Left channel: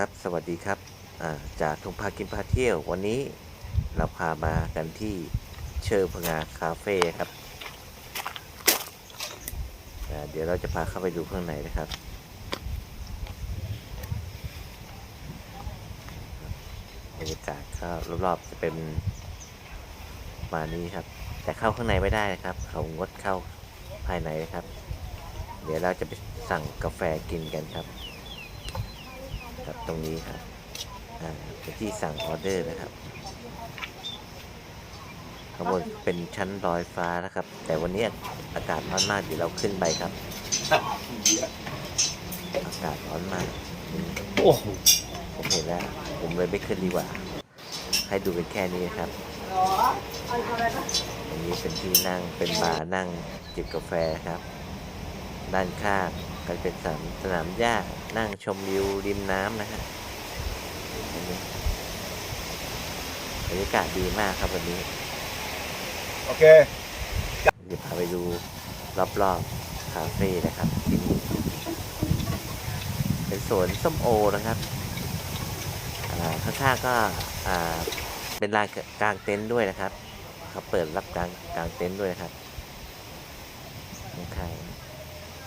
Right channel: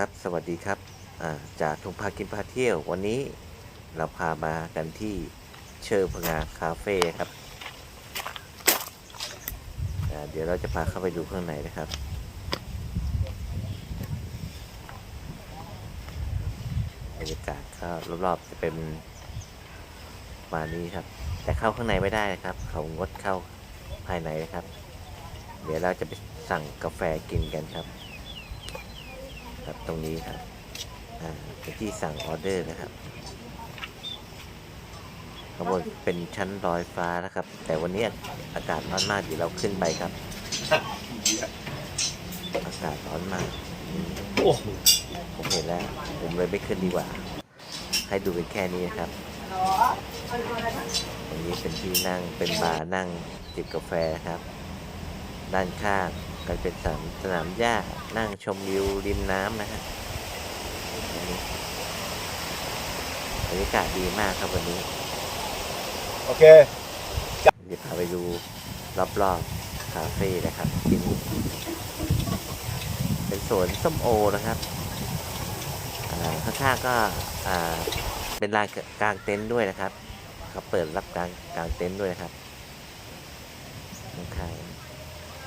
ครับ สวัสดีครับจากทงพากินพาเที่ยว วันนี้เราพามากันที่เชอร์พงาคาเฟ่ครับ เดี๋ยวเราจะพาเข้าไปดูข้างในนะครับ บรรยากาศก็รอบๆจะเป็นมานี้ครับ แต่เข้าข้างในไม่ได้นะครับ เขางดเข้าภายในนะครับ เดี๋ยวเราจะไปสั่งกาแฟกินกันครับ ครับตรงนี้ครับอ่าเป็นที่สั่งออเดอร์นะครับข้างบนเป็นชั้นลอยฟ้านะครับ แต่วันนี้อากาศร้อนมากเดี๋ยวเราขึ้นไปครับ อากาศร้อนมากโอ้โหผมเห็นแล้ว ผมเลยไม่ขึ้นดีกว่า ให้ดูเป็นแค่นี้นครับตรงนี้เป็นที่นั่งเป็นบาร์นั่งจิบกาแฟครับ ด้านข้าง ก็เป็นสนามสนามหญ้านั่งชมวิวริมน้ำนะฮะอันนี้บรรยากาศดีมากครับวันนี้ โอเค เดี๋ยวพาไปดูรอบๆคาเฟ่นะครับที่นี่เป็นสวนส้มโอนะครับอ่าข้างๆก็อ่าเป็นลานกลางเต็นท์ด้วยนะครับเขาเปิดรับกลางกลางเต็นท์ด้วยนะครับข้างๆ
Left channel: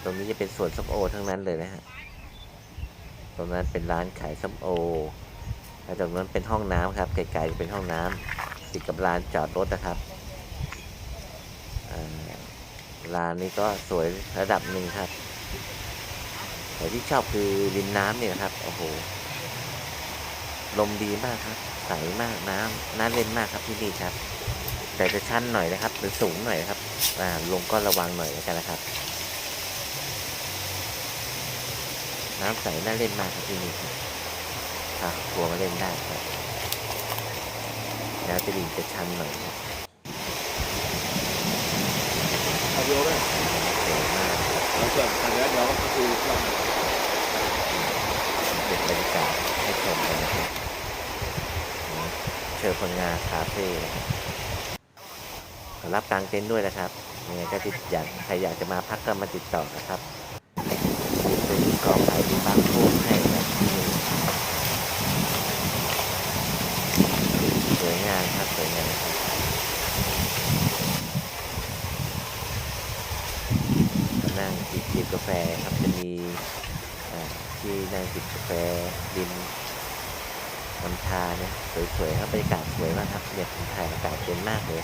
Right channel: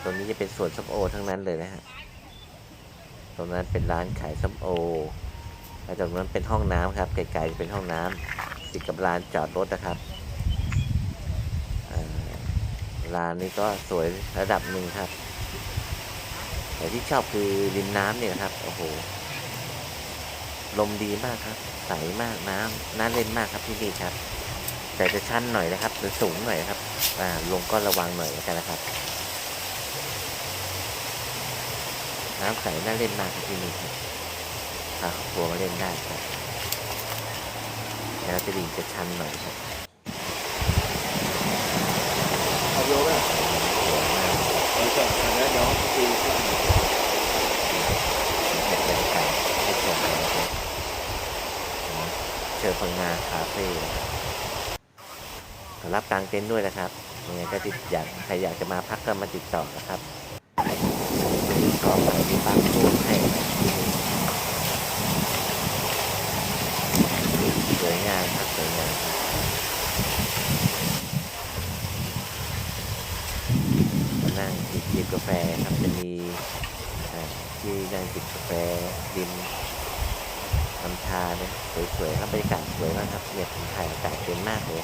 ตรงนี้จะเป็นสวนส้มโอทั้งนั้นเลยนะฮะ ตรงนั้นเป็นร้านขายส้มโอ แล้วตรงนั้นเป็นห้องน้ำครับ ไกลๆจะเป็นห้องน้ำติดกับลานจอดรถนะครับอ่าร้านนี้ก็สวยระดับหนึ่งครับ แต่ที่ชอบคือริมน้ำเนี่ยครับ โอ้โห ลมดีมากครับ ใสมากน้ำน่าเล่นมากครับที่นี่ครับ แต่จะชันหน่อยนะครับ หรือสูงหน่อยนะครับอ่าลงก็ระวังหน่อยแล้วกันนะครับ น้ำใสน่าเล่นมากครับที่นี่ครับพาครอบครัวมาเล่นได้ครับแนวจะดิ่งจะชันหน่อยครับเอาวิดีโอไหมสวยมากครับเอาส่วนขาดแล้วเดี๋ยวก็คือเรื่องเก็บบรรยากาศให้ชมกันนะครับของเชอร์พังงาคาเฟ่นะครับขอรับกลางเต็นท์ด้วยนะครับยังไงก็ติดอยากใครอยากจะมาพักก็มาติดต่อนะครับ มีซุ้มกอไผ่มีปลั๊กพ่วงให้ครับที่นี่สวยงามครับสวยงามครับมานั่งจิบจิบกาแฟครับจะมีที่นั่งจิบกาแฟริมลำธารเนี่ยสวยๆครับบรรยากาศสวยมากครับเนี่ยผมถ่ายอากาศเย็นมากเลย